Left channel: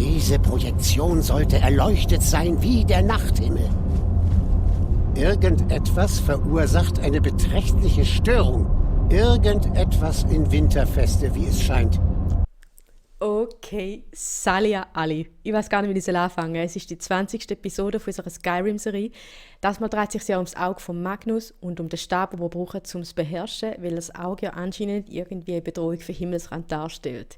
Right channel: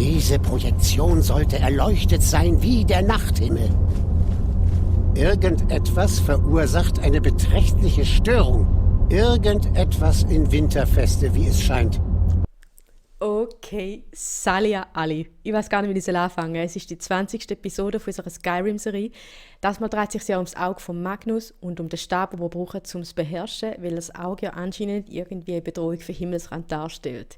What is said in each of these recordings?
Diese Projektion sollte erleuchtet sein wie der Nachthimmel. Irgendetwas verursacht eine beträchtliche Störung. Irgendetwas in Winterfeste, wie es scheint. Okay, Salia Ali. Ich weiß gar nicht, wie ich anfangen soll. Es ist die 20. Episode von unserer Skyrim-Serie. Das Mal dreht sich ja ums Auge von Magnus und um den Stab, den wir brauchen, um es zu beherrschen, weil das Auge ja anscheinend irgendwie eine Bedrohung für Himmelsrand darstellt.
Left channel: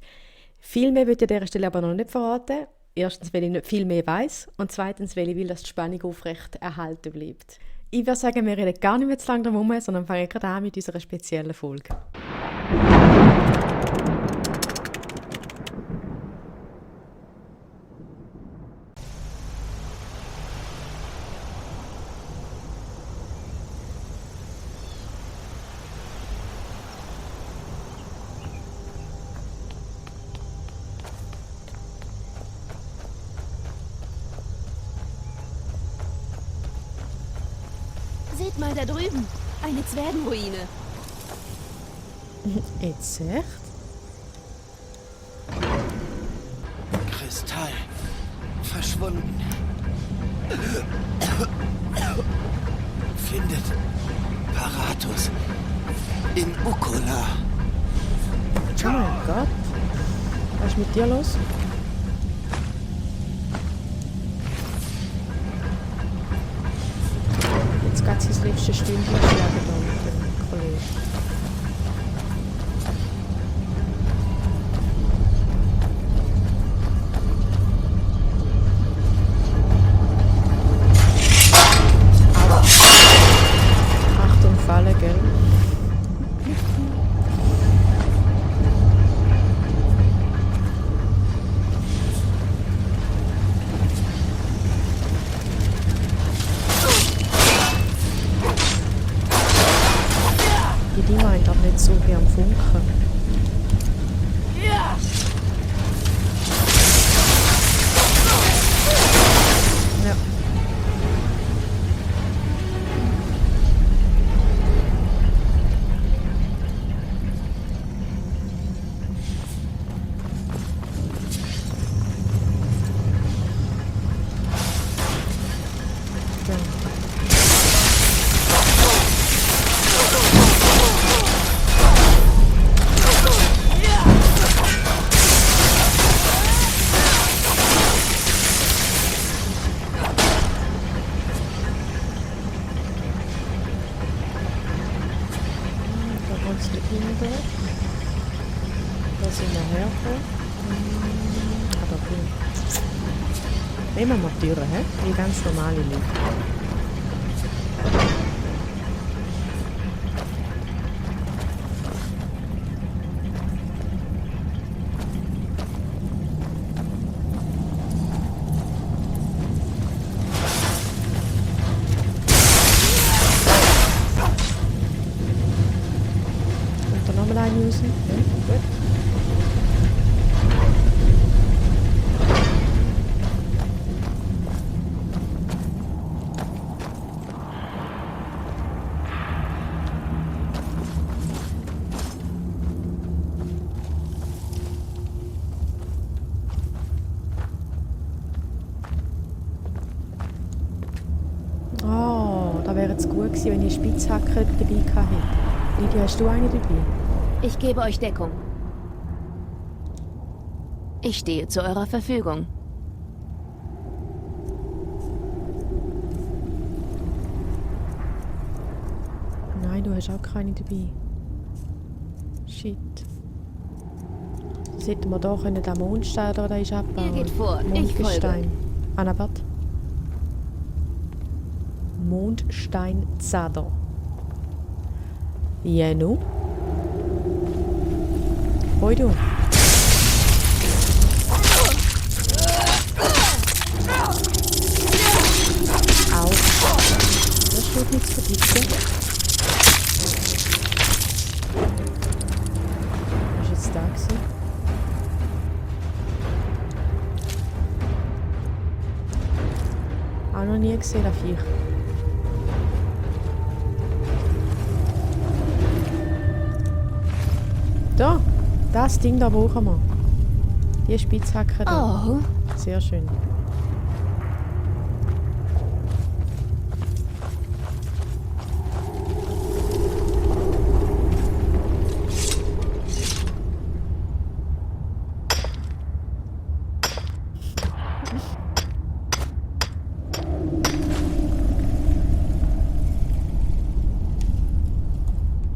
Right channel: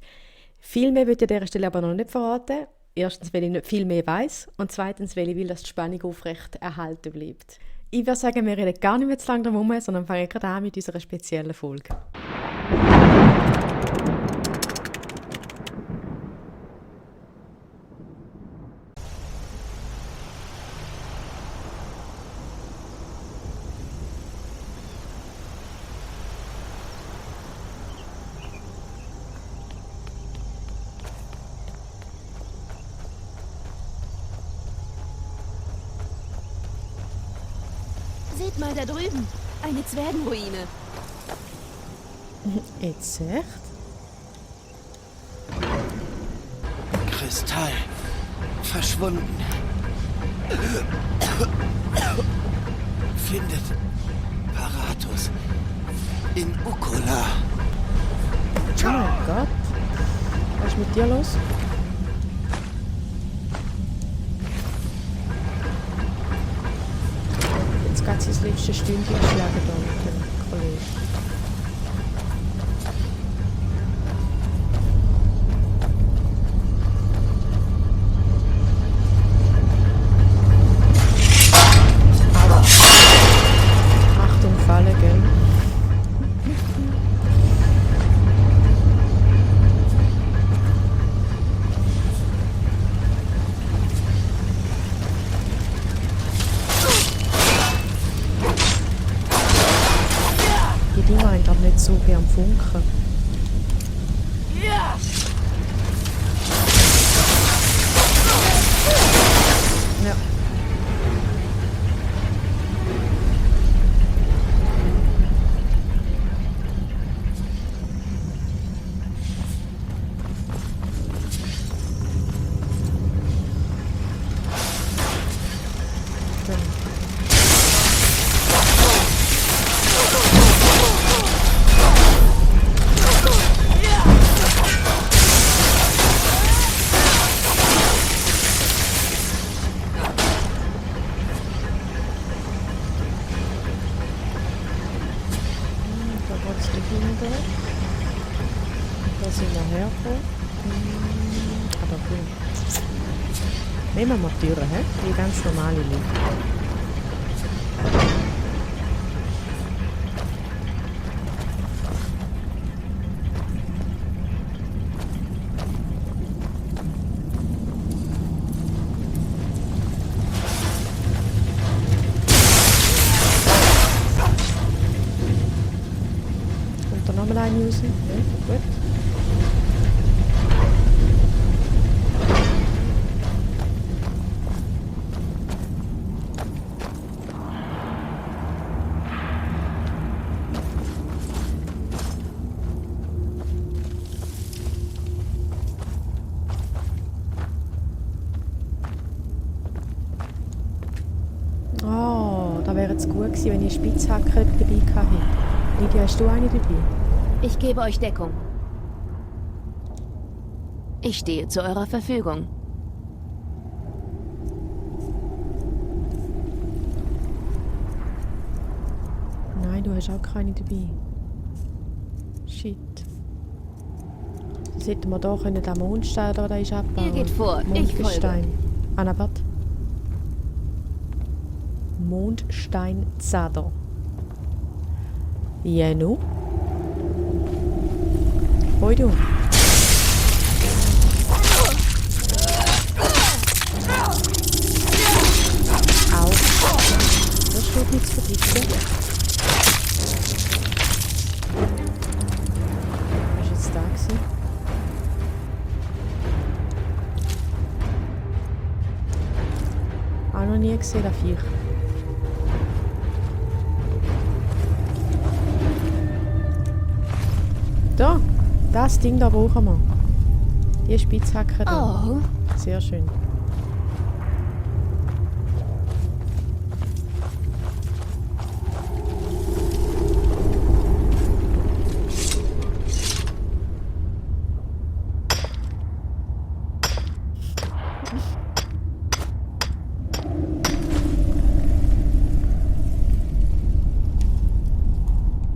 Viel mehr will ich an dieser Stelle aber noch nicht verraten. Erstens, weil ich nicht viel mehr weiss und zweitens, weil ich will, dass die Spannung aufrecht erhalten bleibt. Ich würde sagen, wir reden gar nicht mehr zu lange drum herum, sondern fangen gerade an mit unserer speziellen Folge. Seht mal da drüben, eine Zwergenruine. Jetzt echt? Kristall. Verschwunden. Findet Paratus in Ukkola. Oh mein Gott. Was ist mit dir los? Jetzt geht sein letztes Stündchen schlagen da mit dem Kollegen. Achtung, Falle, gell? Die Dinger haben glaube nicht so wie am Funken. Ja. Da sind wir hergekommen. Aber gut. Nehmen wir die Türen, wie ganz normale Leute. Usen. Ja, gut. Oh, da wäre es gut gewesen, wenn ich eine Spitzhacke dabei gehabt hätte. Lydia, hast du eine dabei? Ich gebe euch Deckung. Ich stehe zu eurer Verfügung. Nein, du hast auch keine dabei. Shit. Jetzt hätten wir da können den Mondstein da ist abbauen. Ihr geht vor, ich folge. Anna, warte. Mondstein Zader. Ja, nu? Hoi du. Au. Das steht nichts für dich, gell? Was ist jetzt da gewesen? Auch noch nie gesehen, das Viech. Da, das Ding da brauchen wir. Die Spitzhacke da. Oh, Sehr schön.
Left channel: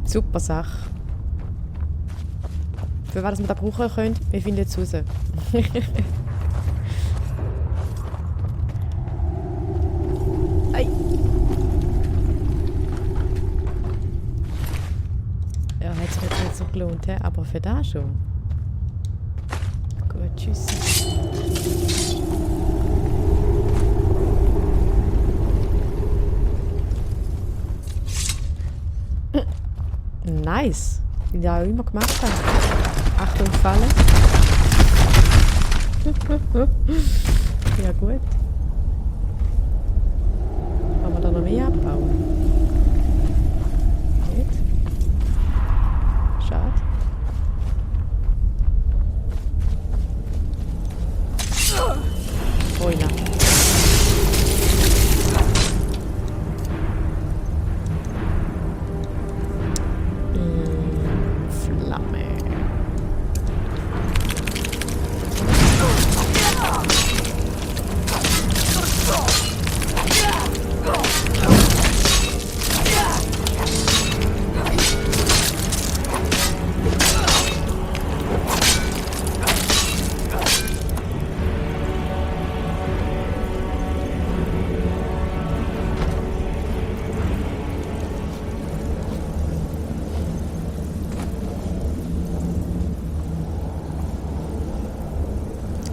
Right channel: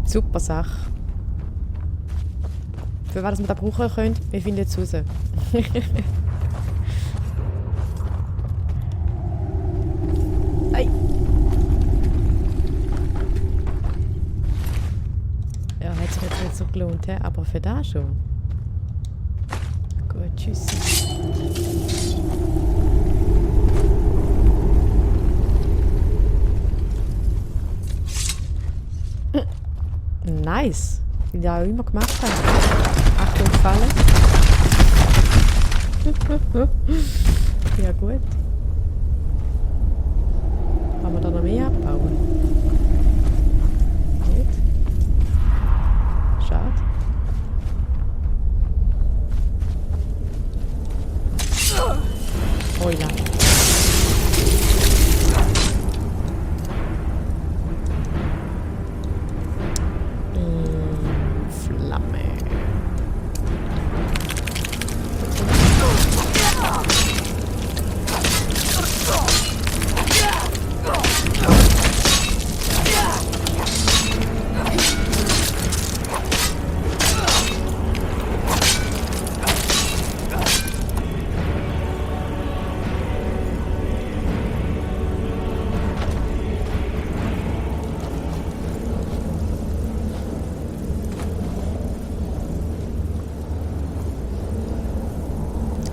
Super Sache. Für was wir da brauchen können, wir finden es raus. Ei. Ja, hat sich jetzt nicht so gelohnt, he? Aber für das schon. Gut, tschüss. Nice. Wie die auch immer gemacht haben. Achtung, Falle. Ja, gut. Kann man da noch mehr abbauen? Nicht? Schade. Oila. Flamme.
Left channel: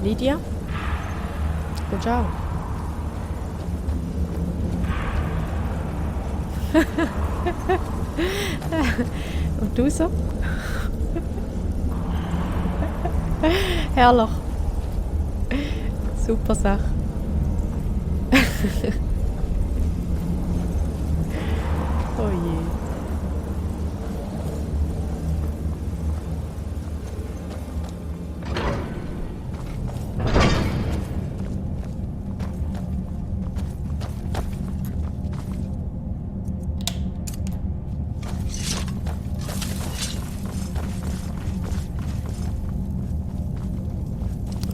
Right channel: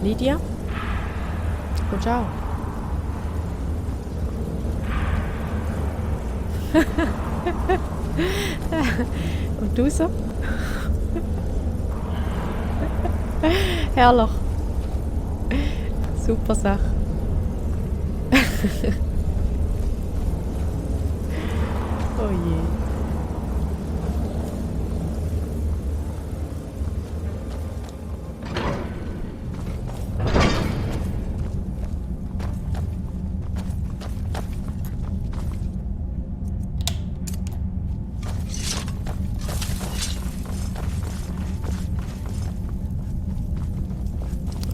Lydia? Gut, ciao. Und du so? Herrlich. Super Sache. Oh je.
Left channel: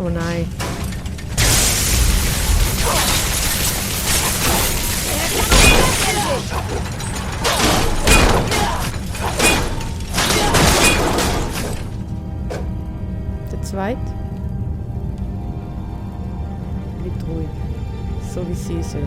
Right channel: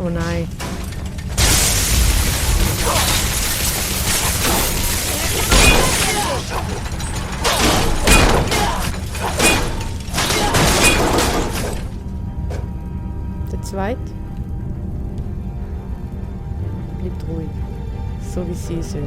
Oh nein. Der zweite bleibt ruhig, so wie sie soll.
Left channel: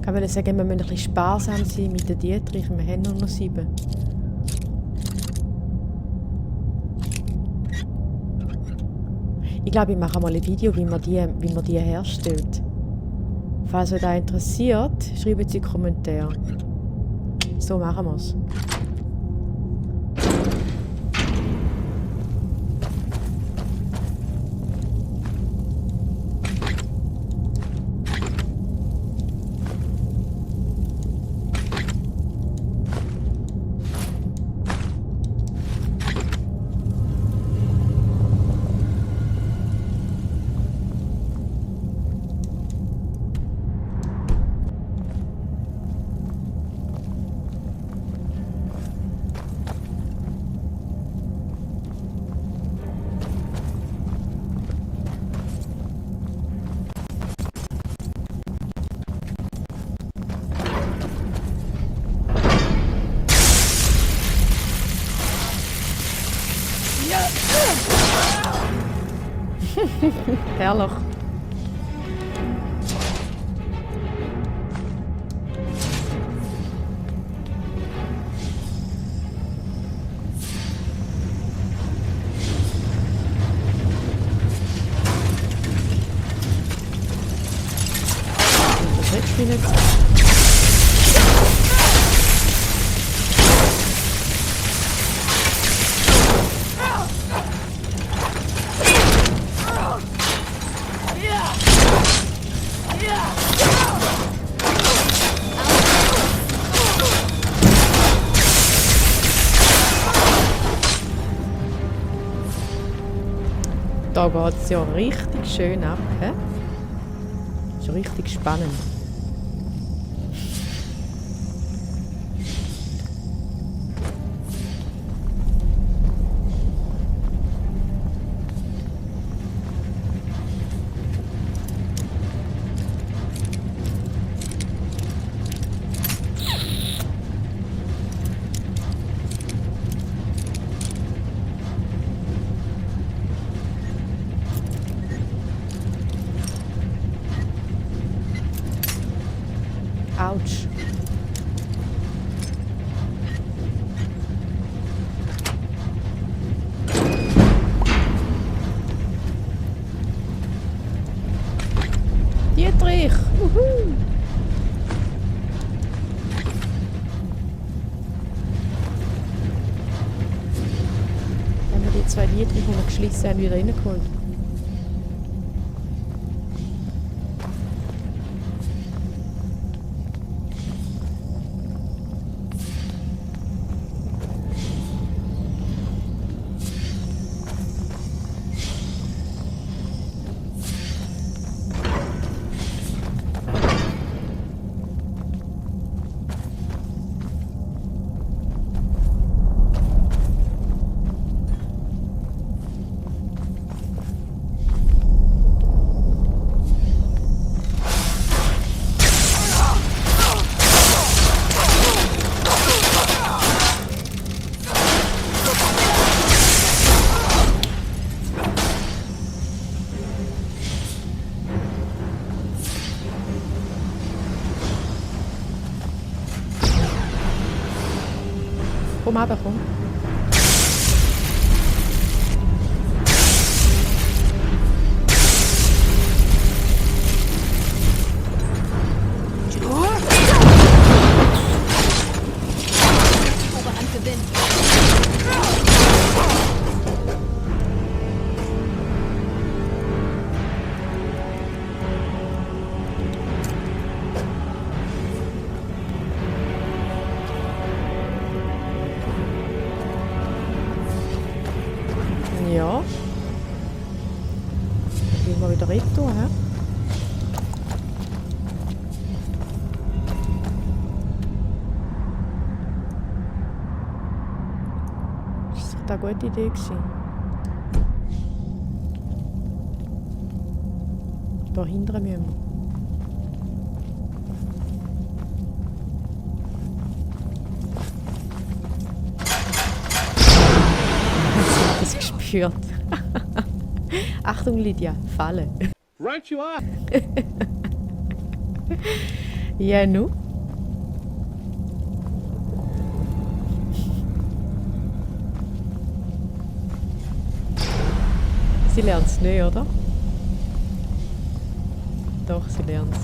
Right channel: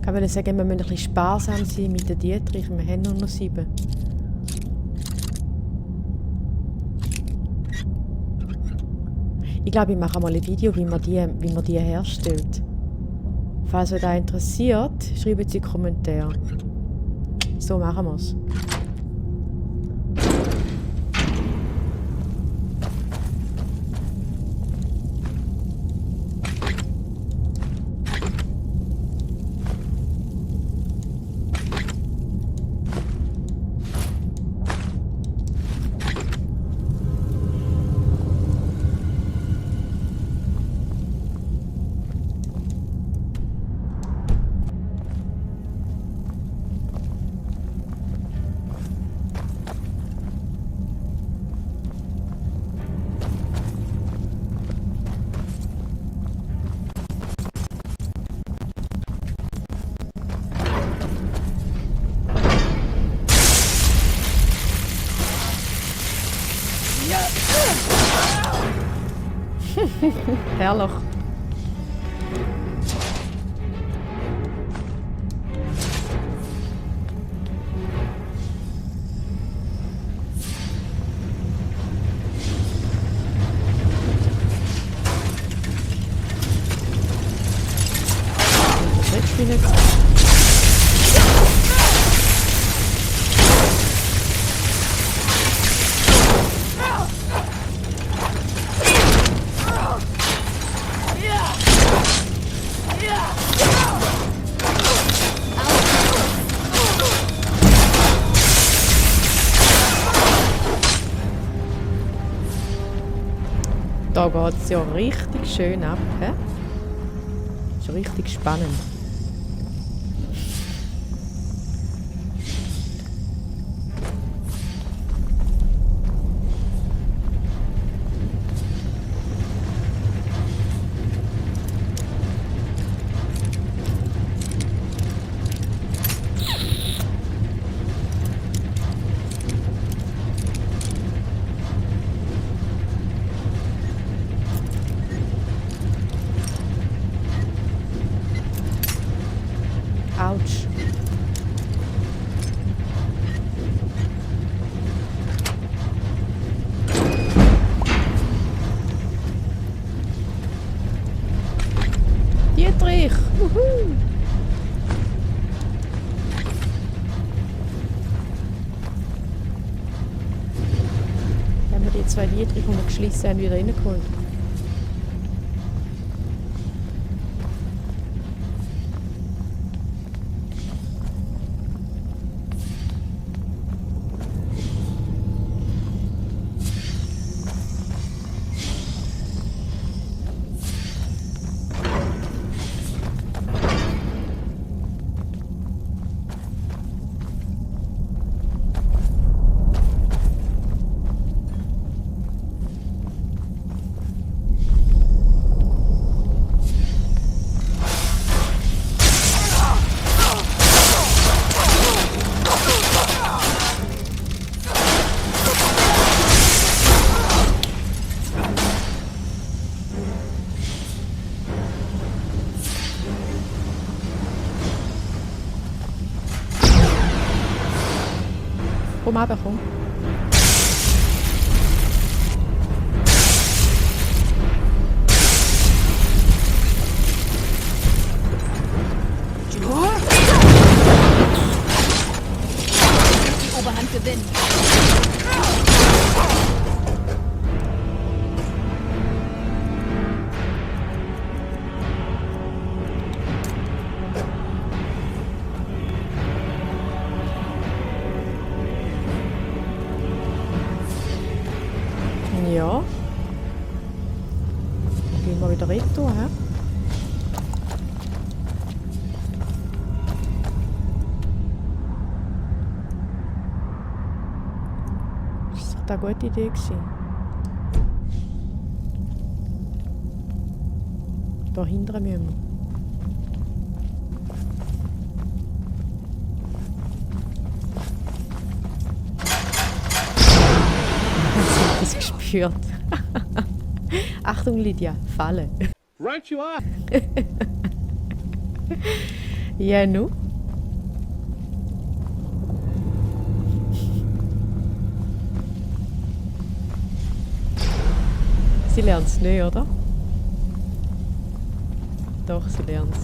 Ich wollte sagen, wir müssen ein bisschen sparsam sein mit den Dietrich. Wir haben nur noch 7. Ich glaube, ich mache mal ein Video, wie man die herstellt. Falls euch das interessiert, schreibt es in die Kommentare. So machen wir es. Herrlich. Das spielen jetzt. Yeah! Da geht es ja richtig schön ab. He? Ist richtig spannend. Autsch. Dietrich! Uhu. Haben wir die zwei Dietrich, die wir geschlissen haben, wieder reingeholt? Komm runter, komm. Die Oberhand gewinnt. Ja. Dann gehen wir wieder retour, hä? Ist doch eine gute Idee gewesen. Da hinten müssen wir. Das gespürt. Achtung, Lydia, Falle. Right you are. Ja, nu? Sie lernt es nicht, oder? Doch, sie lernt es.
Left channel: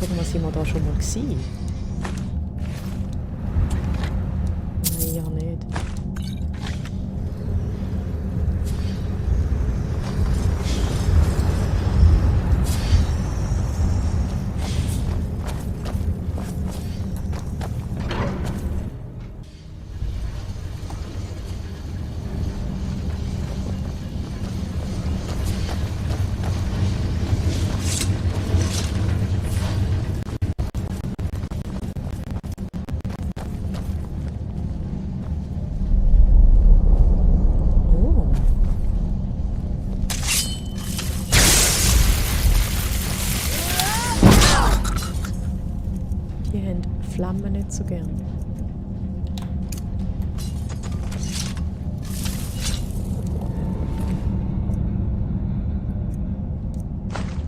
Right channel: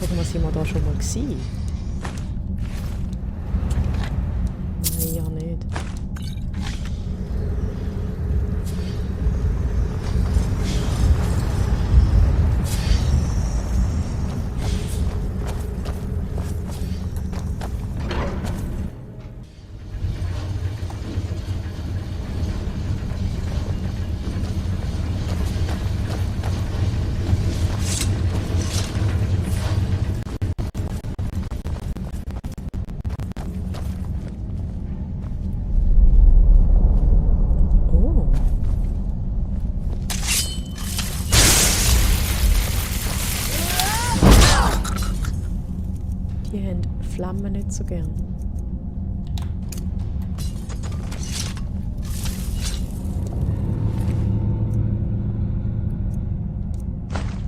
Sagen wir, sind wir da schon mal gewesen? Nein, ja nicht. Oh. Die haben Flammen nicht so gern.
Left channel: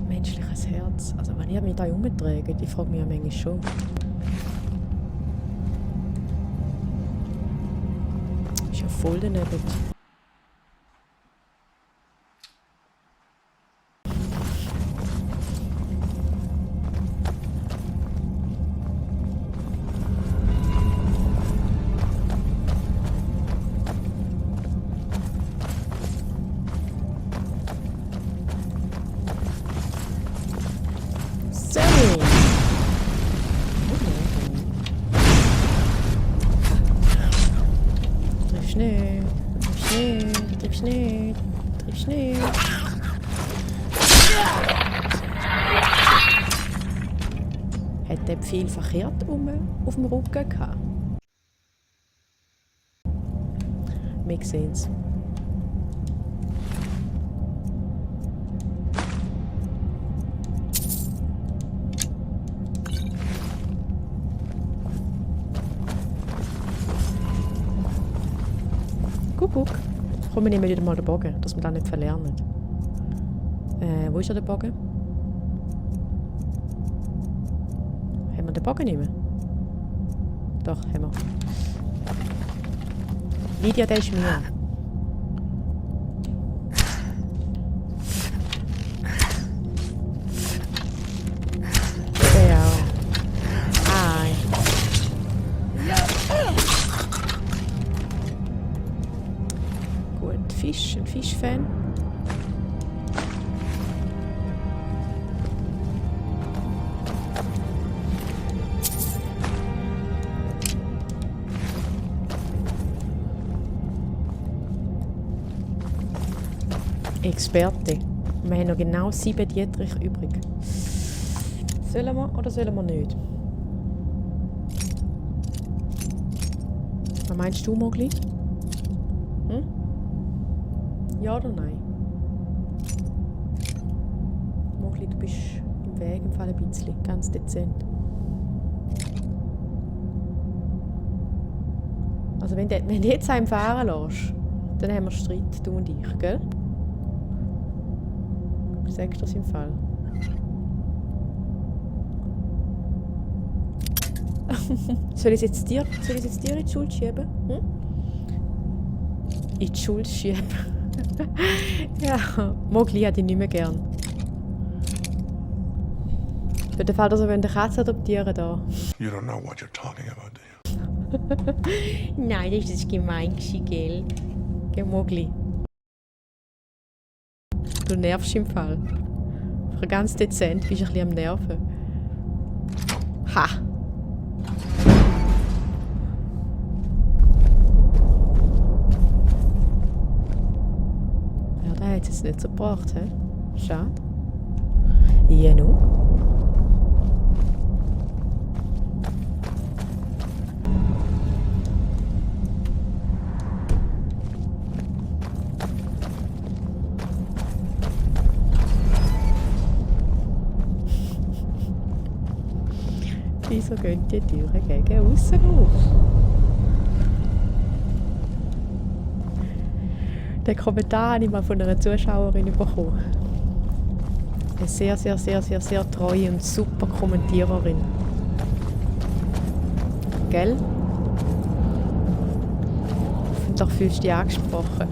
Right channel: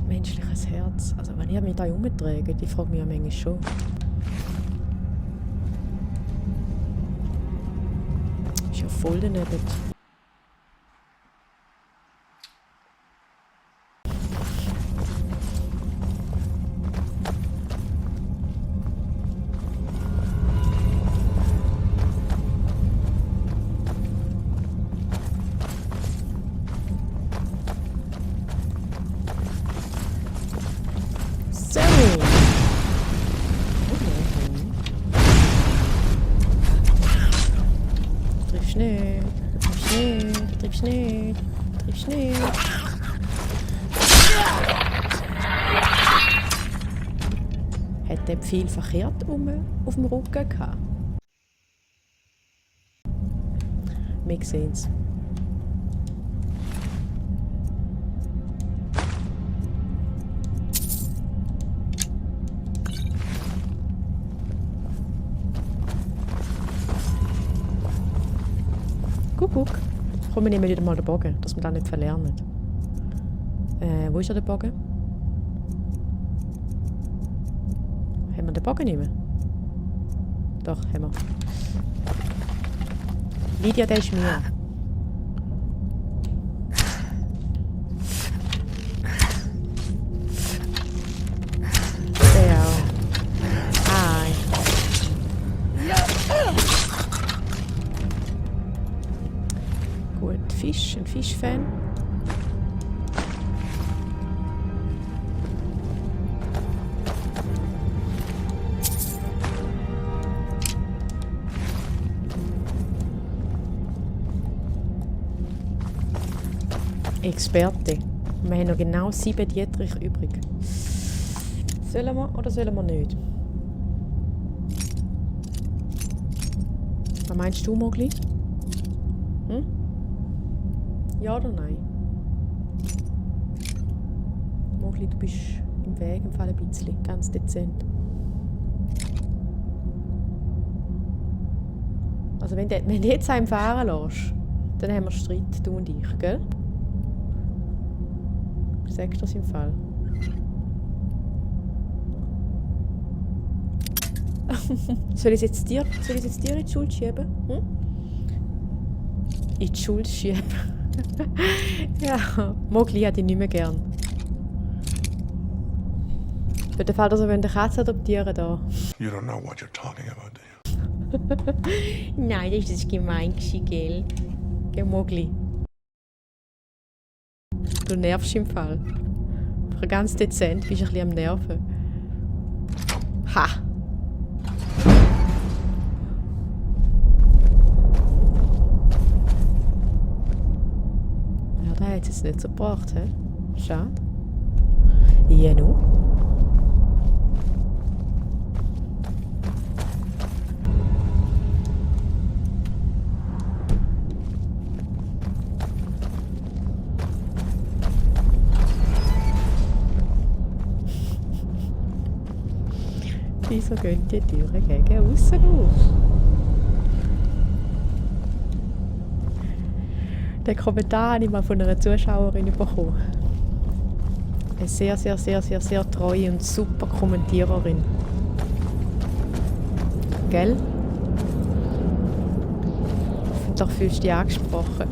Menschliches Herz. Also wenn ich mich da umträge, die frage mich ja manchmal schon. Ist ja voll daneben. triffst nicht. Du triffst nicht. Du triffst nicht. Du triffst nicht. Hat der viel verkehrt auf dem Rücken gehabt? Wir sehen's. Guck. Komm, wir nehmen wieder mal den Bogen, dass wir das nicht verlernen. Wo ist der Bogen? Haben wir den Bogen nicht mehr? Doch, haben wir. Lydia, der ist mir. Der auch. Hi. Gut, Fisch, ein Fischfan. Experte. Wir haben noch genau 7 Dietrich übrig. Sollen wir oder sollen wir nicht? Was meinst du, Mogli? Hm? Ja oder nein? Mogli, du bist im Weg, im Fall ein bisschen. Ganz dezent. Also wenn du jetzt einen fahren lässt, dann haben wir Streit, du und ich, gell? Sagst du das im Fall? Soll ich es jetzt dir in die Schuld schieben? Hm? In die Schuld schieben? Ja, Mogli hat ihn nicht mehr gern. Für den Fall, dass er eine Katze adoptieren da. You don't know what you're talking about, do you? Nein, das ist gemein, gell? Gell, Mogli? Du nervst im Fall. Aber ganz dezent bist du ein bisschen am Nerven. Ha! Ja, da hat es jetzt nicht so gebracht, hä? Schade. Ja, nu? Wieso gehen die Türen gegen aussen auf? Den Kommentar habe ich mal von einer Zuschauerin bekommen. Eine sehr, sehr, sehr, sehr, sehr treue und super Kommentiererin. Gell? Hoffentlich fühlst du dich angesprochen.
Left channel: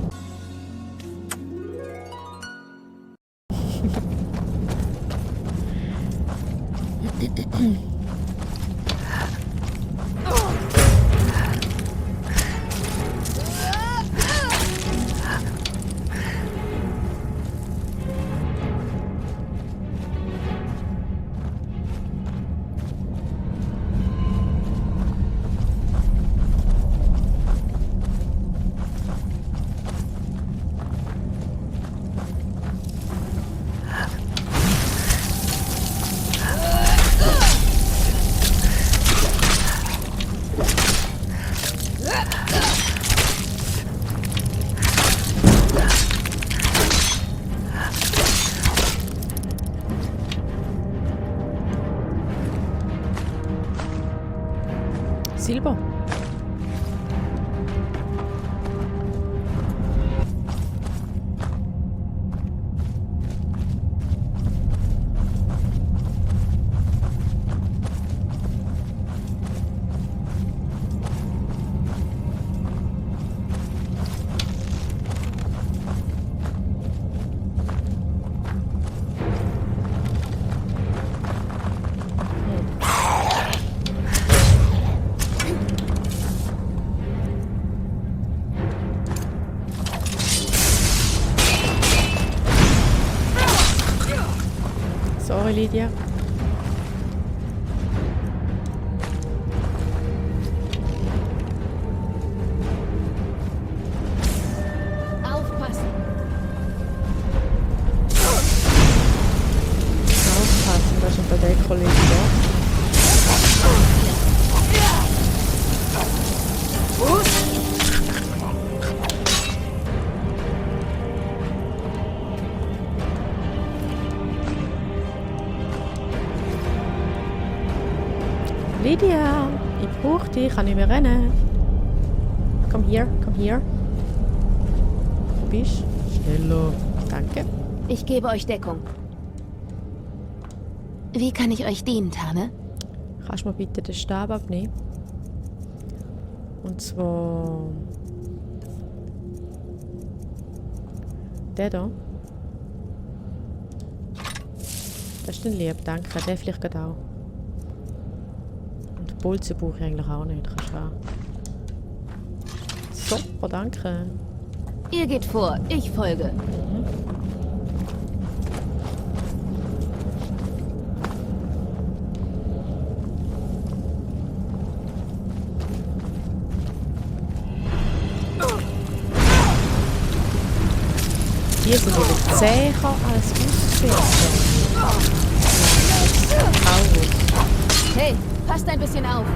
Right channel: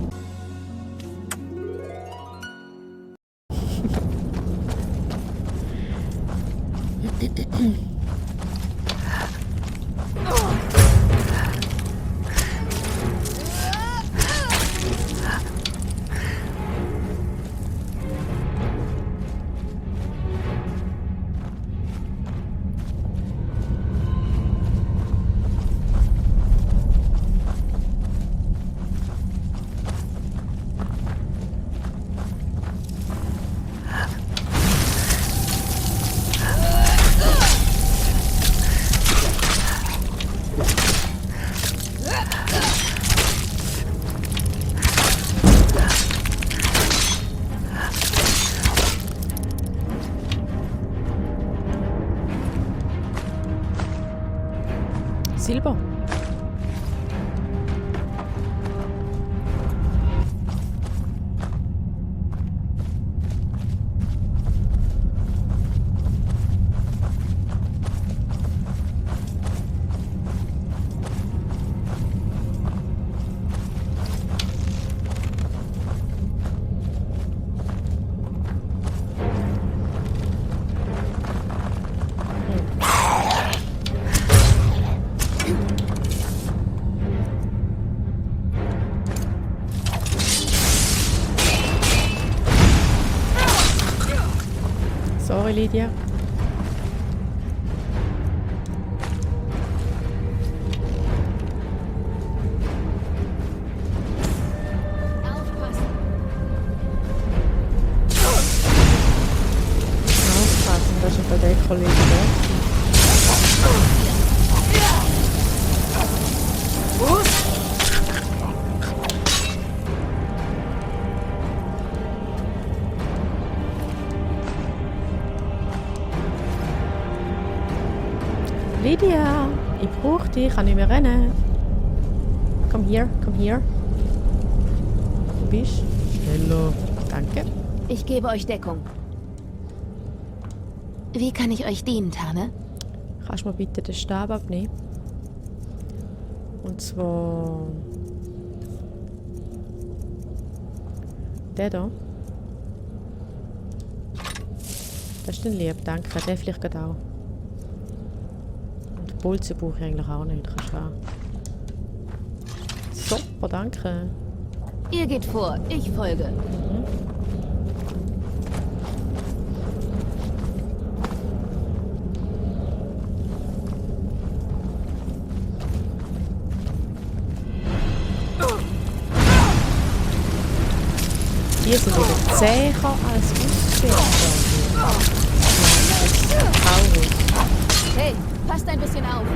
Silber. Sorry, Lydia. Lydia, ich brauche dich, ich kann nicht mehr rennen. Komm hier, komm hier. Wo bist du? Hello. Danke. Ich gebe euch Deckung. Wie kann ich euch dienen, Tane? Kannst du mir bitte den Stab abnehmen? Und zwar... Der da. Das ist ein lieb, danke. Der vielleicht gerade auch. Und Bolzen brauche ich eigentlich auch nicht. Kannst du haben. Super, danke. Ihr geht vor, ich folge. Die sind wieder zäher als Ausschwerter. Hey, passt ein bisschen auf.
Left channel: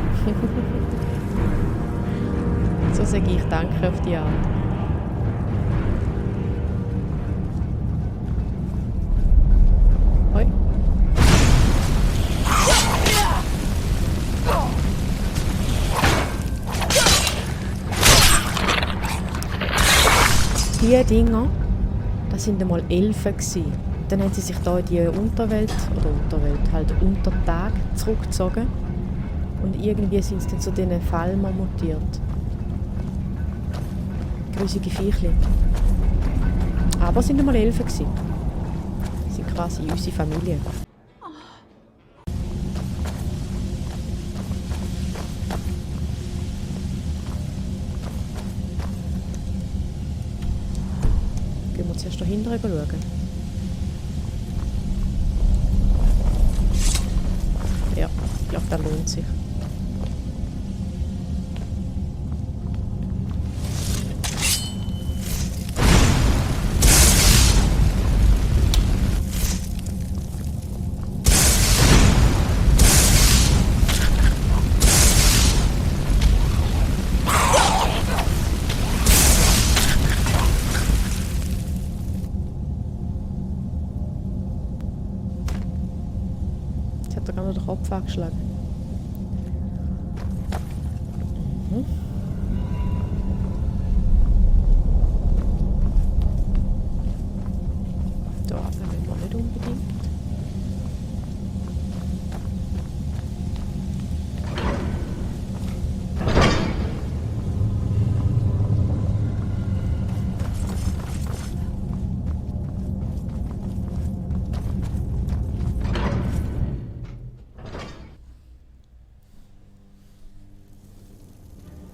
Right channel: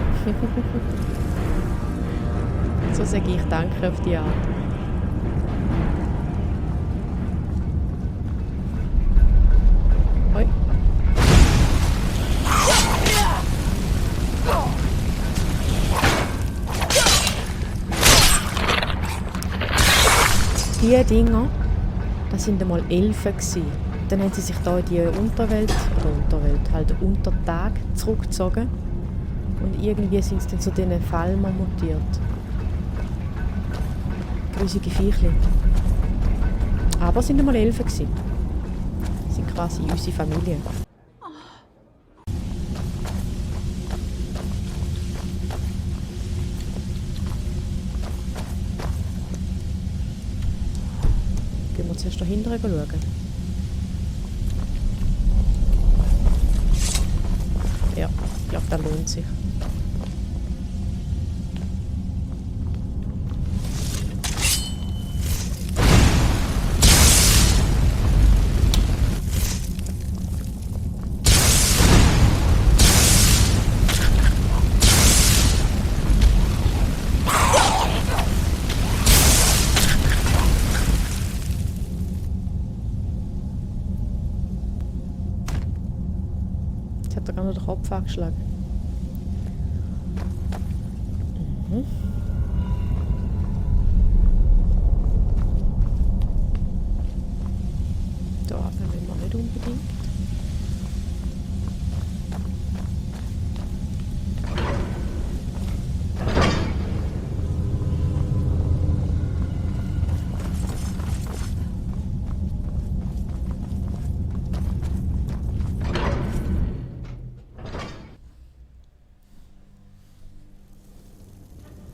So sage ich Danke auf die Art. Hoi. Die Dinger, das sind einmal Elfen gewesen. Dann haben sie sich da in die Unterwelt, halt Untertag zurückgezogen. Und irgendwie sind sie dann zu diesen Falmer mutiert. Grusige Viechli. Aber es sind einmal Elfen gewesen. Sie sind quasi unsere Familie. Gehen wir zuerst da hinten schauen. Ja, ich glaube, das lohnt sich. Hat er gerade noch den Kopf angeschlagen. Da wollen wir nicht unbedingt.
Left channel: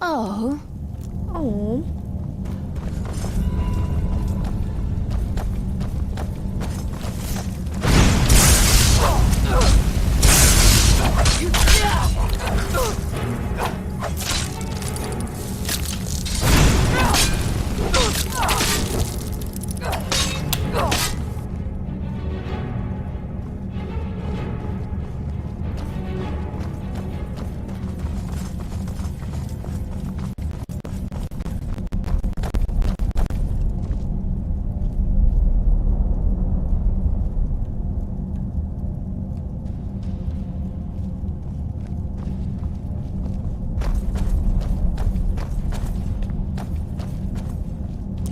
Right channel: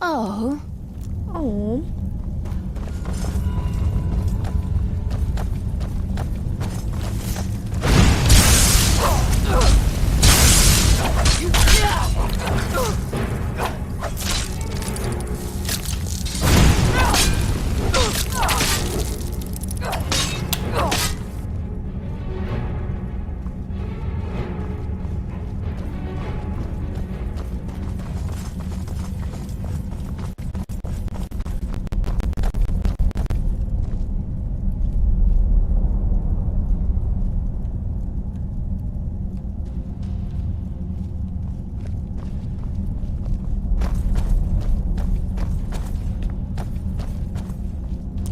Oh, Oh.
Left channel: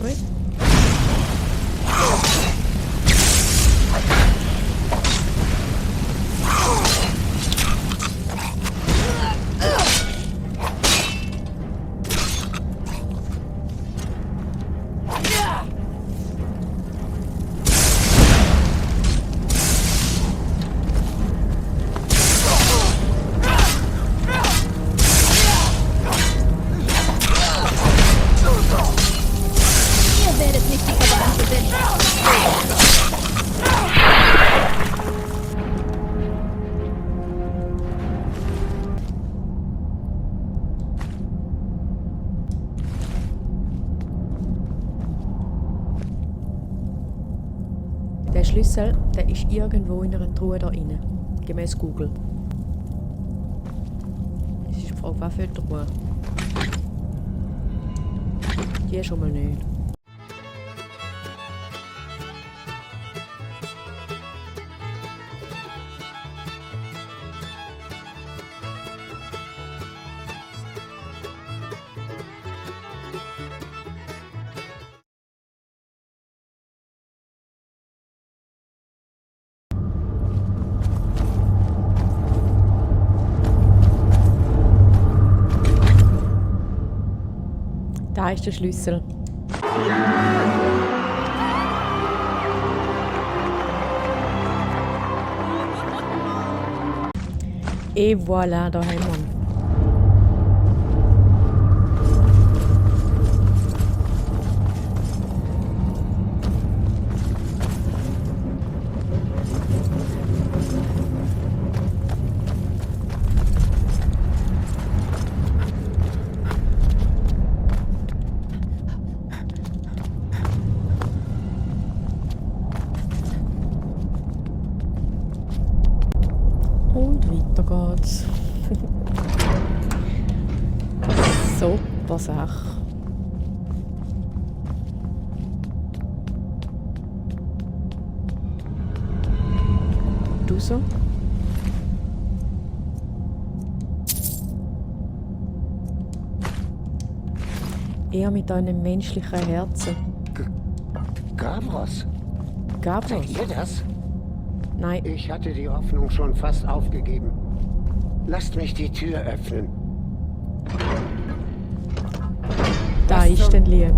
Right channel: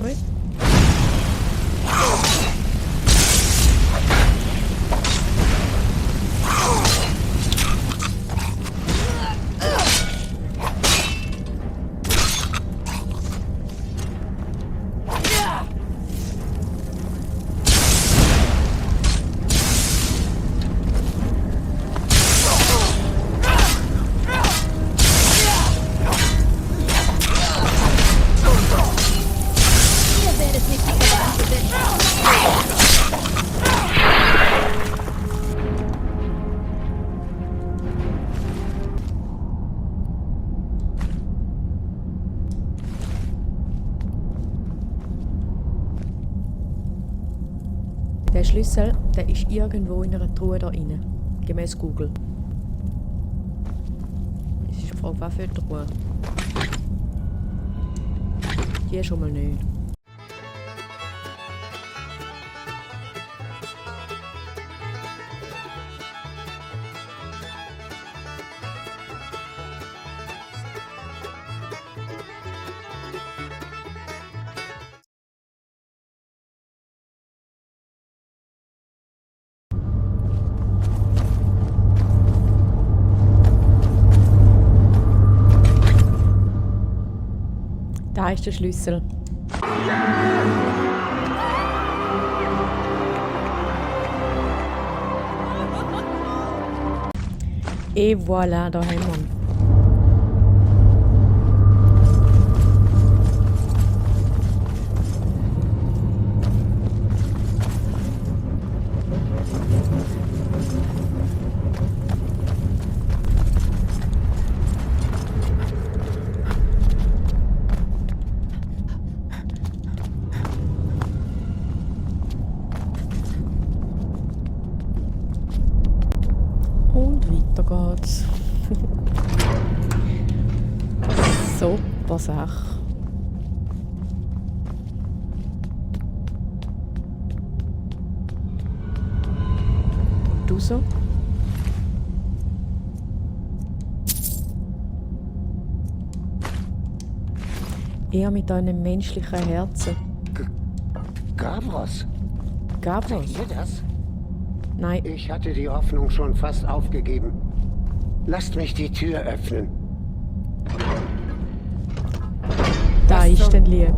Ui. ihr werdet nicht die Oberhand gewinnen. Der Schlüssel, der ist irgendwo in einer Truhe da rein. Gemäß Google. Es ist die Frage, was für eine Truhe? Die schon mal nicht. Da ist der Schlüssel. Et voilà, da haben wir ihn. Und weiter geht's. Super Sache. Du so? Eher mit einem menschlichen Herzen. Gavros, Gavros? seht ihr das? Nein. Ich hatte die Hoffnung schon fast aufgegeben. Lasst mich die Tür öffnen. Da Was ist zum- denn lieb.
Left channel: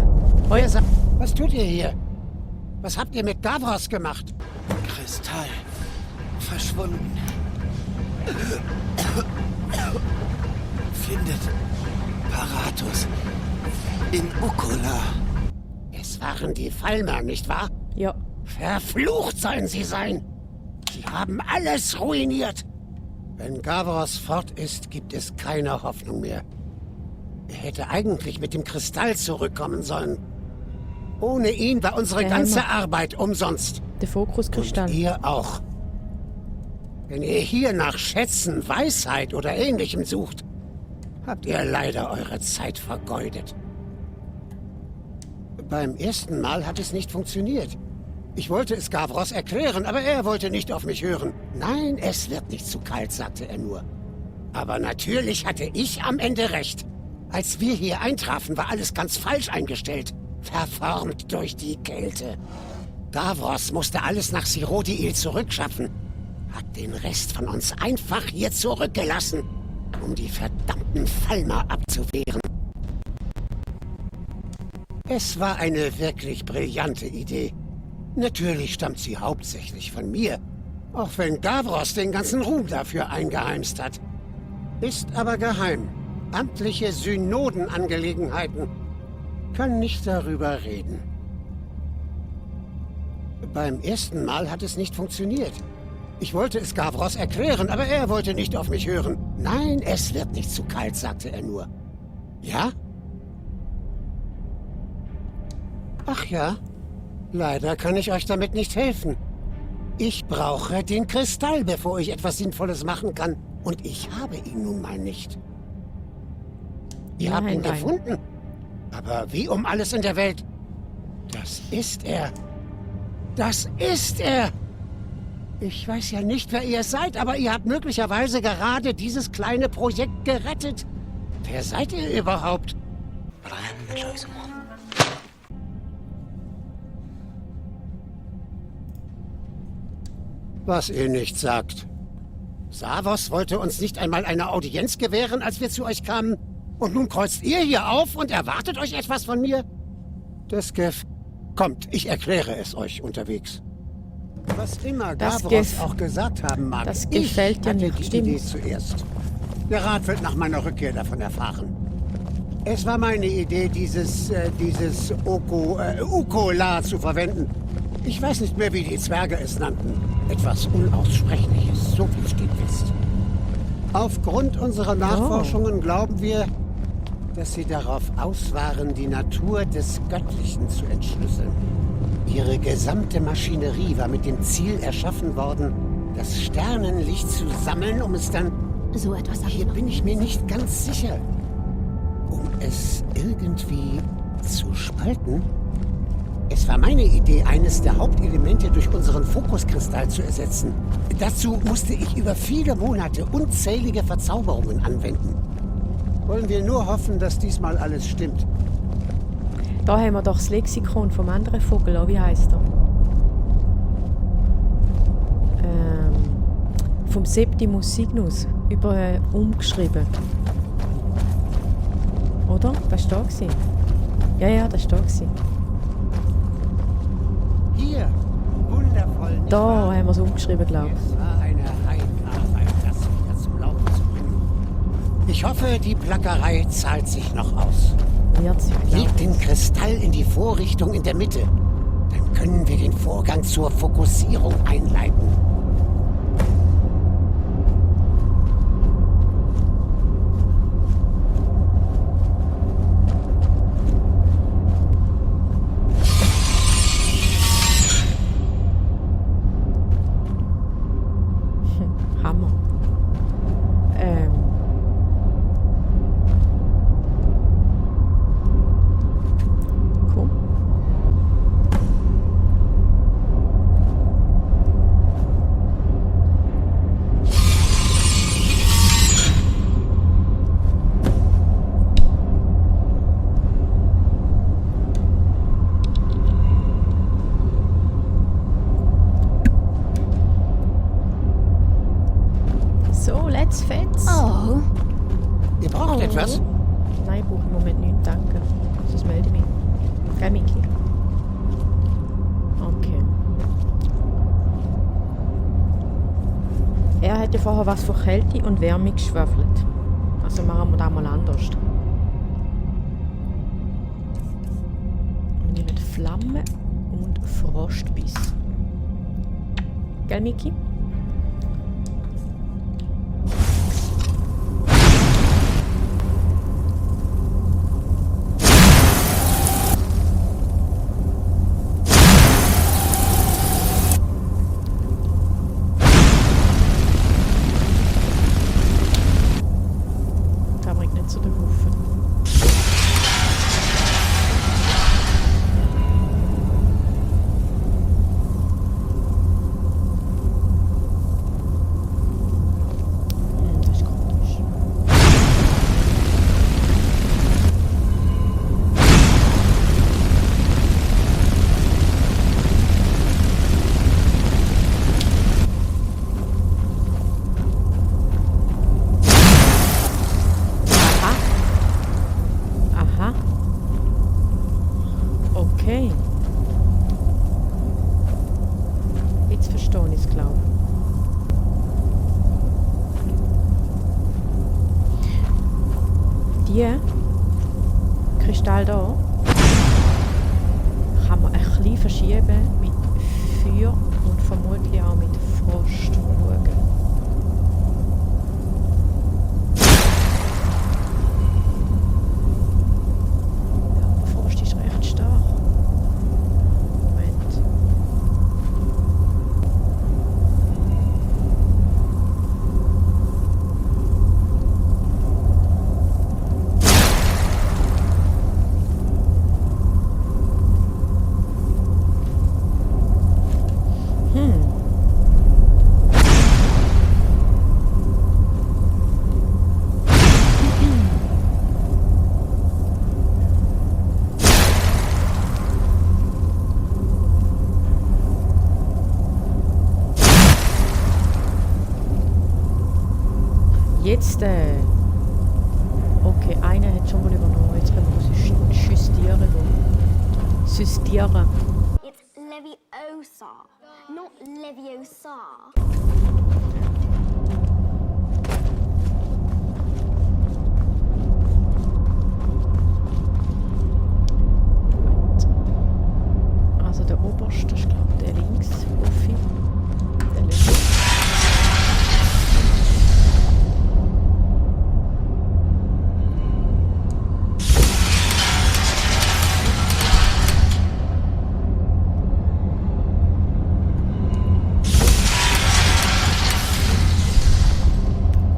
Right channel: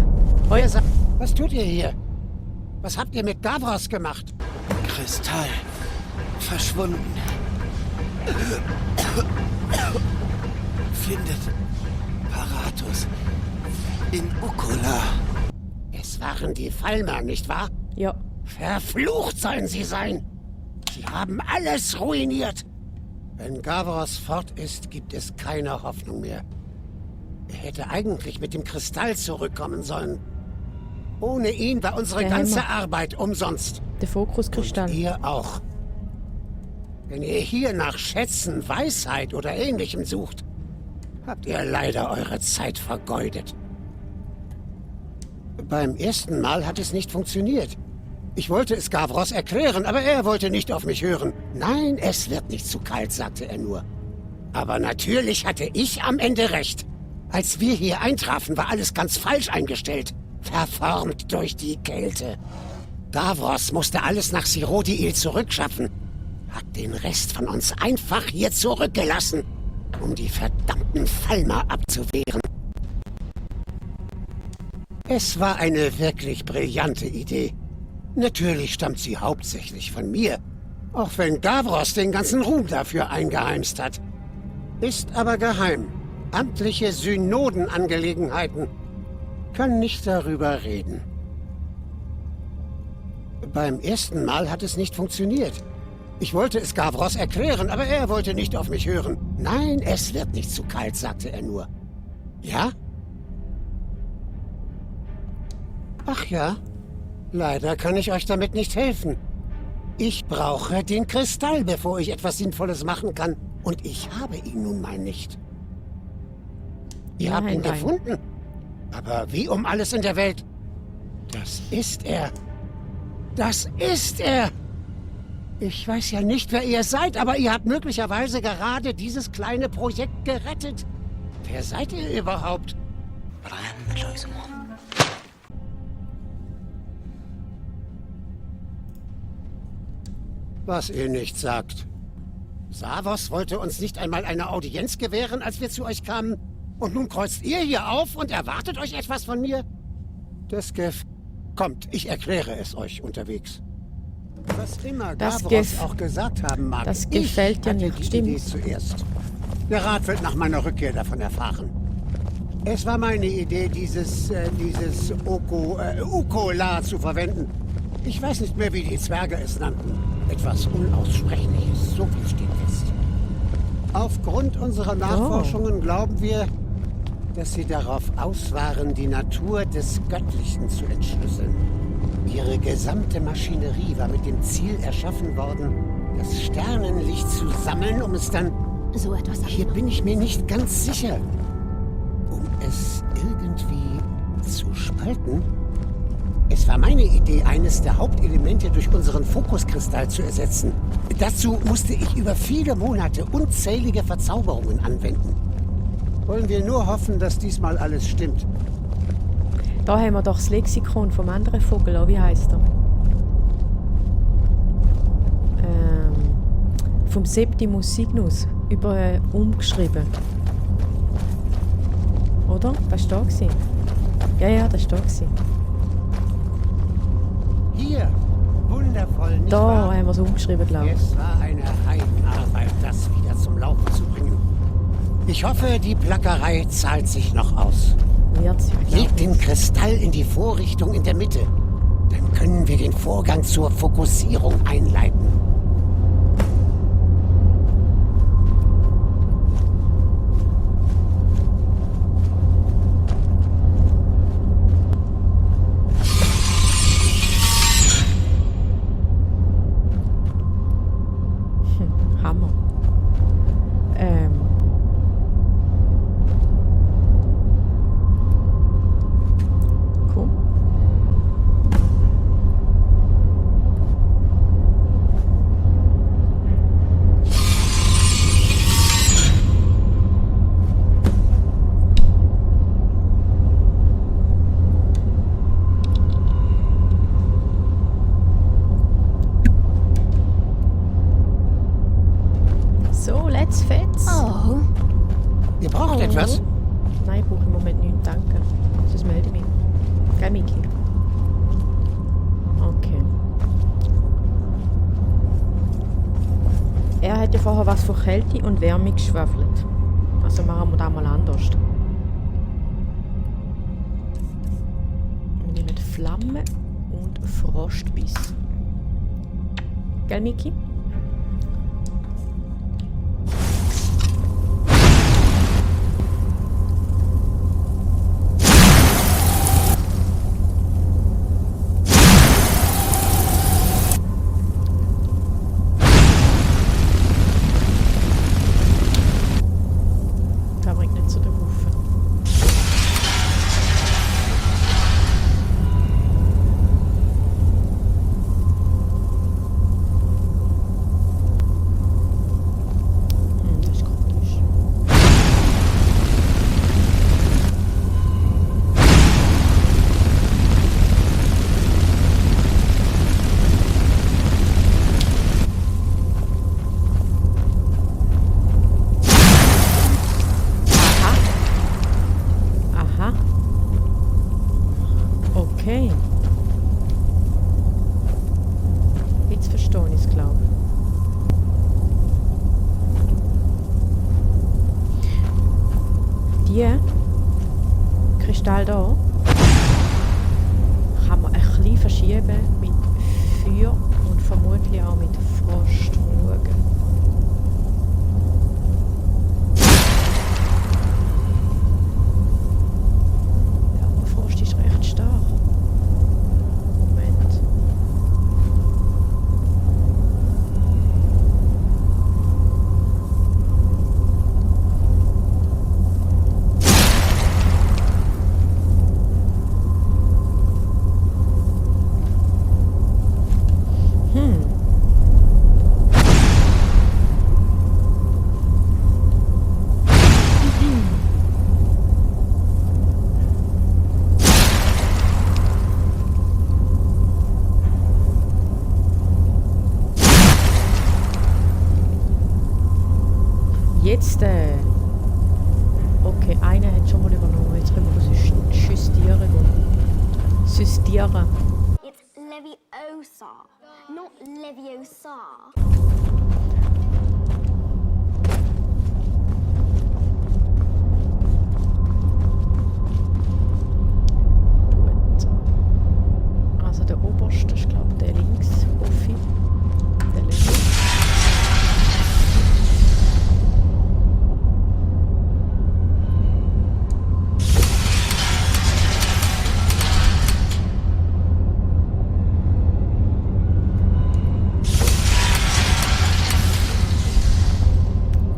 Was tut ihr hier? Was habt ihr mit Gavros gemacht? Kristall. Verschwunden. Findet Paratus in Ukola. Es waren die Falmer, nicht wahr? Ja. Verflucht sollen sie sein! Sie haben alles ruiniert! Wenn Gavros fort ist, gibt es keine Hoffnung mehr. Er hätte eigentlich mit dem Kristall zurückkommen sollen. Ohne ihn war unsere Der ganze Hammer. Arbeit umsonst. Der Fokuskristall. Und ihr auch. Wenn ihr hier nach Schätzen, Weisheit oder Ähnlichem sucht, habt ihr leider eure Zeit vergeudet. Beim ersten Mal hat es nicht funktioniert. Ich wollte es Gavros erklären, aber er wollte nicht auf mich hören. Nein, es wird nicht zu kalt, sagte er nur. Aber natürlich hatte ich am Ende recht. Als wir hier eintrafen, war alles ganz falsch eingestellt. Verformt durch die Kälte. Gavros musste alles nach Sirodiil zurückschaffen. Hat den Rest von uns einfach hier zurückgelassen, um die verdammten Falmer abzuwehren. Es war eine wirklich brillante Idee. Natürlich stammt sie hauptsächlich von mir, auch wenn Gavros den ganzen Ruhm dafür eingeheimst hat. Ist aber geheim. Amtliche Synodenangelegenheiten. Kann nicht darüber reden. Beim ersten Mal hat es nicht funktioniert. Ich wollte es Gavros erklären, aber er wollte nicht auf mich hören. Nein, es wird nicht zu kalt, sagte er nur. Ja? Ach ja, leider kann ich euch damit nicht helfen. Ich brauche den Kristall, bevor ich etwas Sinnvolles machen kann. Und ich habe ihn nun mal nicht. Ihr habt ihn Nein. gefunden. Aber wie um alles in der Welt? Das ist er. Das ist er! Ich weiß ja nicht, wer ihr seid, aber ihr habt möglicherweise gerade dieses kleine Projekt gerettet. Wer seid ihr überhaupt? Was ihr nicht sagt. Savos wollte uns nicht einmal eine Audienz gewähren, als wir zu euch kamen. Und nun kreuzt ihr hier auf und erwartet euch etwas von mir? Das Kommt, ich erkläre es euch unterwegs. Was immer Das Gavros auch gesagt haben mag, das ich gefällt dir hatte nicht, die stimmt. Idee zuerst. Der Rat wird nach meiner Rückkehr davon erfahren. Es war meine Idee, dieses Ukola zu verwenden. Ich weiß nicht mehr, wie die Zwerge es nannten. Etwas Unaussprechliches, so viel steht fest. Aufgrund unserer Nachforschungen glauben wir, dass sie darauf aus waren, die Natur des Göttlichen zu entschlüsseln. Ihre gesamte Maschinerie war mit dem Ziel erschaffen worden, das Sternenlicht zu sammeln, um es dann... So etwas habe ich Hier noch bin nie ich mir gesehen. nicht ganz sicher. Um es irgendwie zu spalten? Es war meine Idee, eines der Hauptelemente durch unseren Fokuskristall zu ersetzen. Dazu musste ich über viele Monate unzählige Verzauberungen anwenden. Wollen wir nur hoffen, dass diesmal alles stimmt. Da haben wir doch das Lexikon vom anderen Vogel, wie heisst er? Vom Septimus Signus umgeschrieben. Oder? Das war da gewesen. Ja, das war da. Hier. Wundervoll, nicht Da wahr? haben wir es umgeschrieben, glaube ich. Es war eine Heidenarbeit, das wieder zum Laufen zu bringen. Ich hoffe, die Plackerei zahlt sich noch aus. Wird sich, Leg glaube ich. den Kristall in die Vorrichtung in der Mitte. Dann können wir den Vorgang zur Fokussierung einleiten. Hammer. Cool. So, let's fetz. Oh, Ihr braucht etwas? Nein, ich brauche im Moment nichts, danke. Sonst melde ich mich. Gell, Miki? Okay. Er hat ja vorher was von Kälte und Wärme geschwafelt. Also machen wir das mal anders. Wir nehmen Flamme und Frostbiss. Gell, Miki? Das bringt nicht zu den Hufen. Das ist komisch. Aha. Aha. Okay. Jetzt verstehe ich es, glaube ich. Die Kristall da kann man ein bisschen verschieben mit Feuer und vermutlich auch mit Frost. Mal schauen. Ja, aber Frost ist recht stark. Moment. Jetzt, okay, einer hat schon mal übernommen. Jetzt können wir justieren gehen. Justieren. It's Leviosa, not Leviosa. Gut. Also der oberste ist, glaube ich, der links, Buffy. Der links.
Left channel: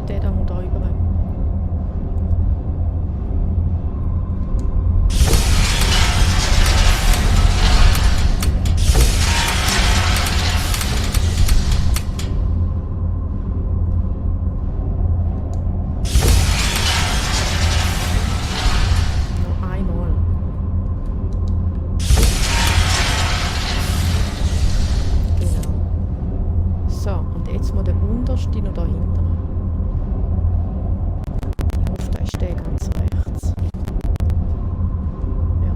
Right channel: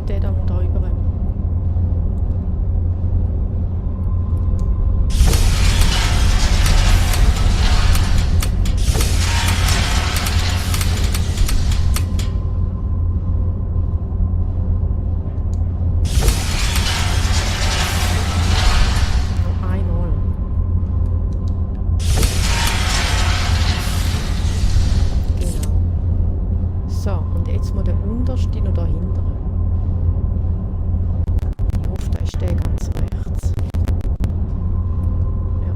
Der da muss da rüber. Noch einmal. Genau. So, und jetzt muss der unterste noch dahinter. Ich hoffe, da ist der ganz rechts. Ja,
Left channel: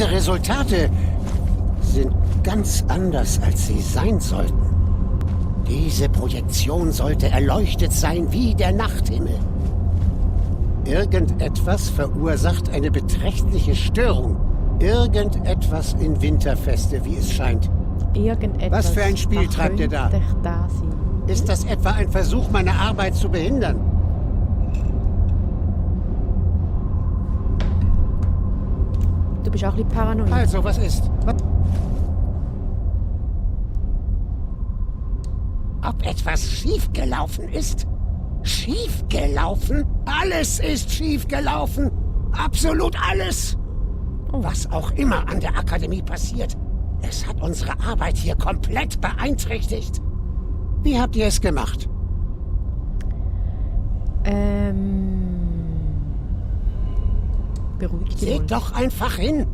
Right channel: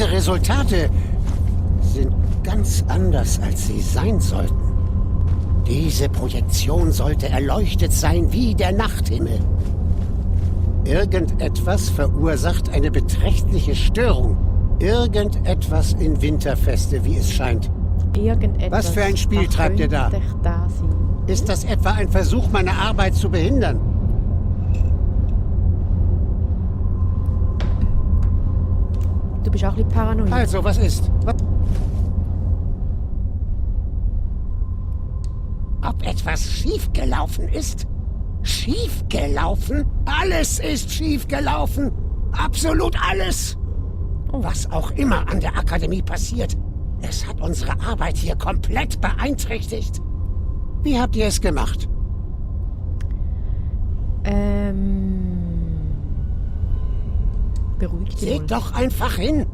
Diese Resultate sind ganz anders, als sie sein sollten. Diese Projektion sollte erleuchtet sein wie der Nachthimmel. Irgendetwas verursacht eine beträchtliche Störung. Irgendetwas in Winterfeste, wie es scheint. Irgendetwas. Was für ein Spiel treibt ihr da? könnte da sein. Ist das etwa ein Versuch, meine Arbeit zu behindern? Du bist auch ein bisschen paranoid. Also, was ist? Ob etwas schiefgelaufen ist? Schiefgelaufen? Alles ist schiefgelaufen. Absolut alles. Was auch immer an der Akademie passiert, es hat unsere Arbeit hier komplett beeinträchtigt. Wie habt ihr es gemacht? Beruhig dich mal. Seht doch einfach hin.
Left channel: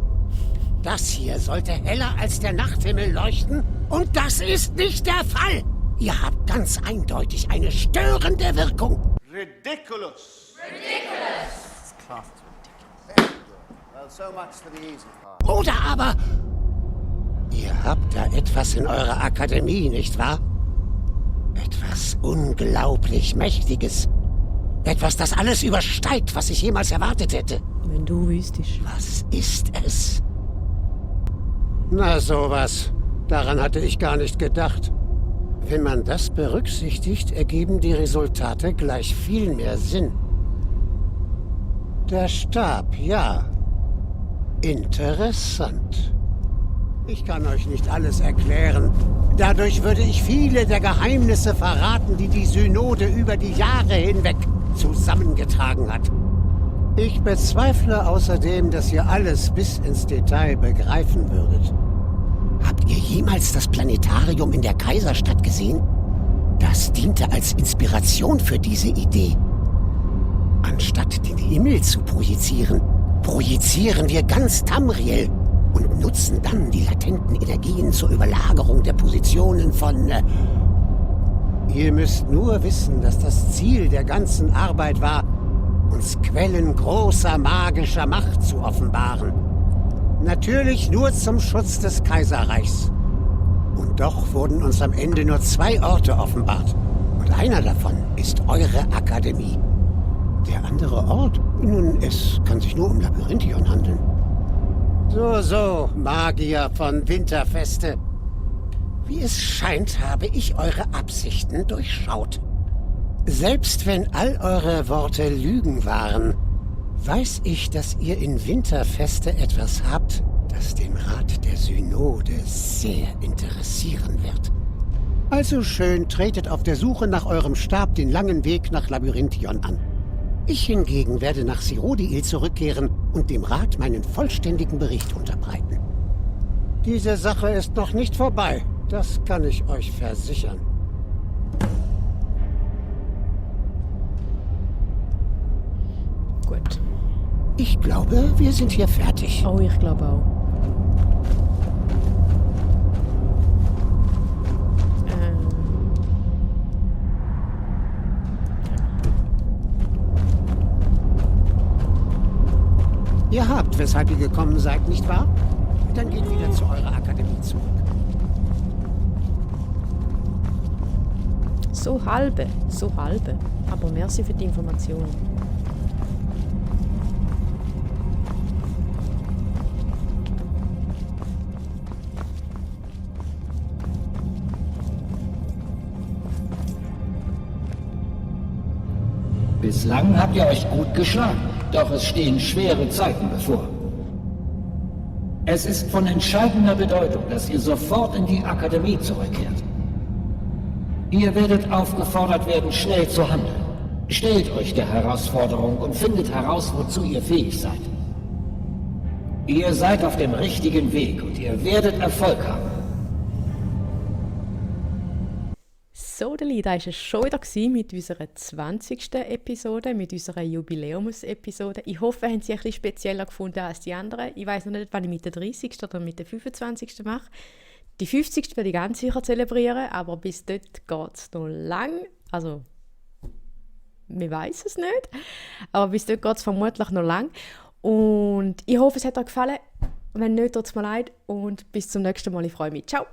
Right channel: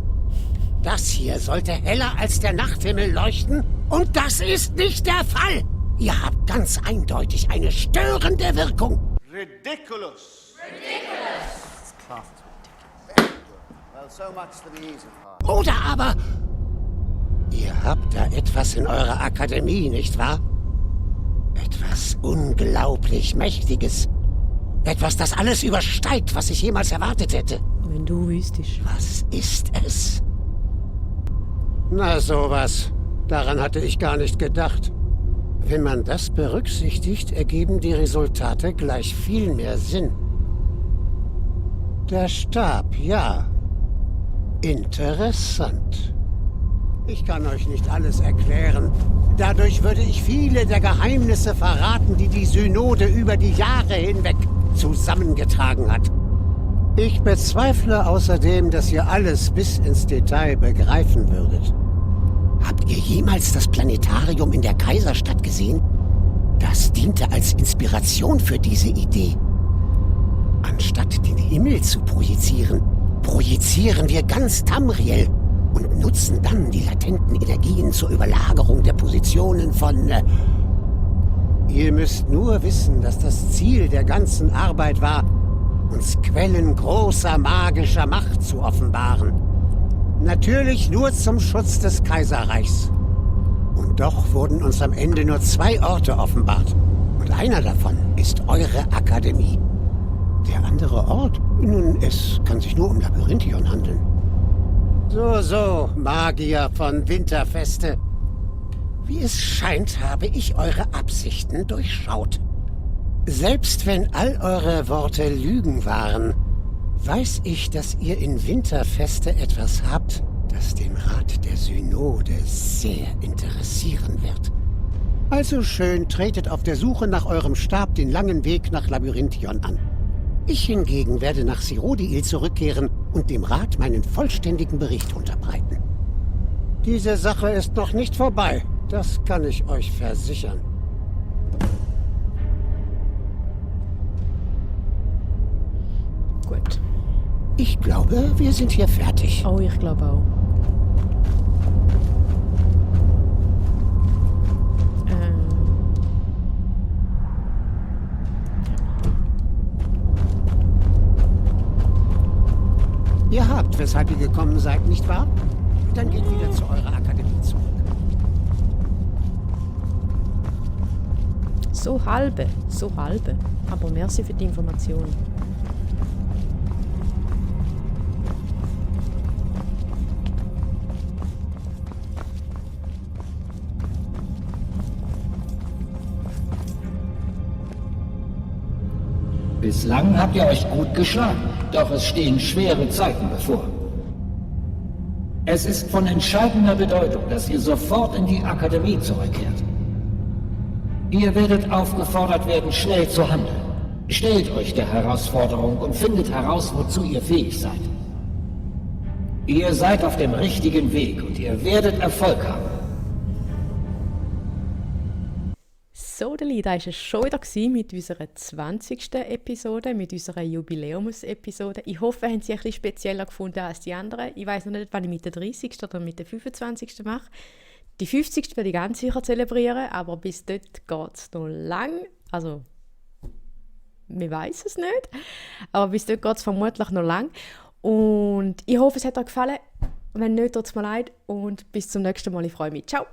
Das hier sollte heller als der Nachthimmel leuchten. Und das ist nicht der Fall. Ihr habt ganz eindeutig eine störende Wirkung. Ridiculous. Well, so much for the easy part. Oder aber, ihr habt da etwas in eurer Akademie, nicht wahr? Etwas unglaublich Mächtiges. Etwas, das alles übersteigt, was ich jemals erwartet hätte. Wenn du wüsstest. Was ist es? Na sowas. Daran hatte ich gar nicht gedacht. Wenn man das berücksichtigt, ergeben die Resultate gleich viel mehr Sinn. Der Stab, ja. Interessant. Ich kann euch nicht alles erklären. Dadurch würde ich viele der Geheimnisse verraten, die die Synode über die Jahre hinweg zusammengetragen hat. Ich bezweifle außerdem, dass ihr alles bis ins Detail begreifen würdet. Habt ihr jemals das Planetarium in der Kaiserstadt gesehen? Das diente als Inspiration für diese Idee. Anstatt den Himmel zu projizieren, projizieren wir ganz Tamriel und nutzen dann die latenten Energien zur Überlagerung der Positionen von... Ihr müsst nur wissen, dass das Ziel der ganzen Arbeit war, uns Quellen großer magischer Macht zu offenbaren. Natürlich nur zum Schutz des Kaiserreichs. Und doch wurden uns am Ende nur 2 Orte offenbart. Und einer davon ist eure Akademie. Der andere Ort? Nun, es kann sich nur um Labyrinthion handeln. So, Magier von Winterfeste. Wie es scheint, habe ich eure Absichten durchschaut. Selbst wenn all eure Worte Lügen waren, weiß ich, dass ihr in Winterfeste etwas habt, das den Rat der Synode sehr interessieren wird. Also schön, tretet auf der Suche nach eurem Stab den langen Weg nach Labyrinthion an. Ich hingegen werde nach Sirodiil zurückkehren und dem Rat meinen vollständigen Bericht unterbreiten. Diese Sache ist noch nicht vorbei, das kann ich euch versichern. Gut. Ich glaube, wir sind hier fertig. Oh, ich glaube auch. Ihr habt, weshalb ihr gekommen seid, nicht wahr? Dann geht wieder zu eurer Akademie zurück. So halbe. Aber merci für die Information. Bislang habt ihr euch gut geschlagen, doch es stehen schwere Zeiten bevor. Es ist von entscheidender Bedeutung, dass ihr sofort in die Akademie zurückkehrt. Ihr werdet aufgefordert werden, schnell zu handeln. Stellt euch der Herausforderung und findet heraus, wozu ihr fähig seid. Ihr seid auf dem richtigen Weg und ihr werdet Erfolg haben. So, Deli, da war es schon wieder mit unserer 20. Episode, mit unserer Jubiläumsepisode. Ich hoffe, ihr habt sie ein bisschen spezieller gefunden als die anderen. Ich weiß noch nicht, wann ich mit der 30. oder mit der 25. mache. Die 50. werde ich ganz sicher zelebrieren, aber bis dort geht es noch lang. Also, wir weiß es nicht. Aber bis dort geht es vermutlich noch lang. Und ich hoffe, es hat euch gefallen. Wenn nicht, tut's mir leid und bis zum nächsten Mal. Ich freue mich. Ciao!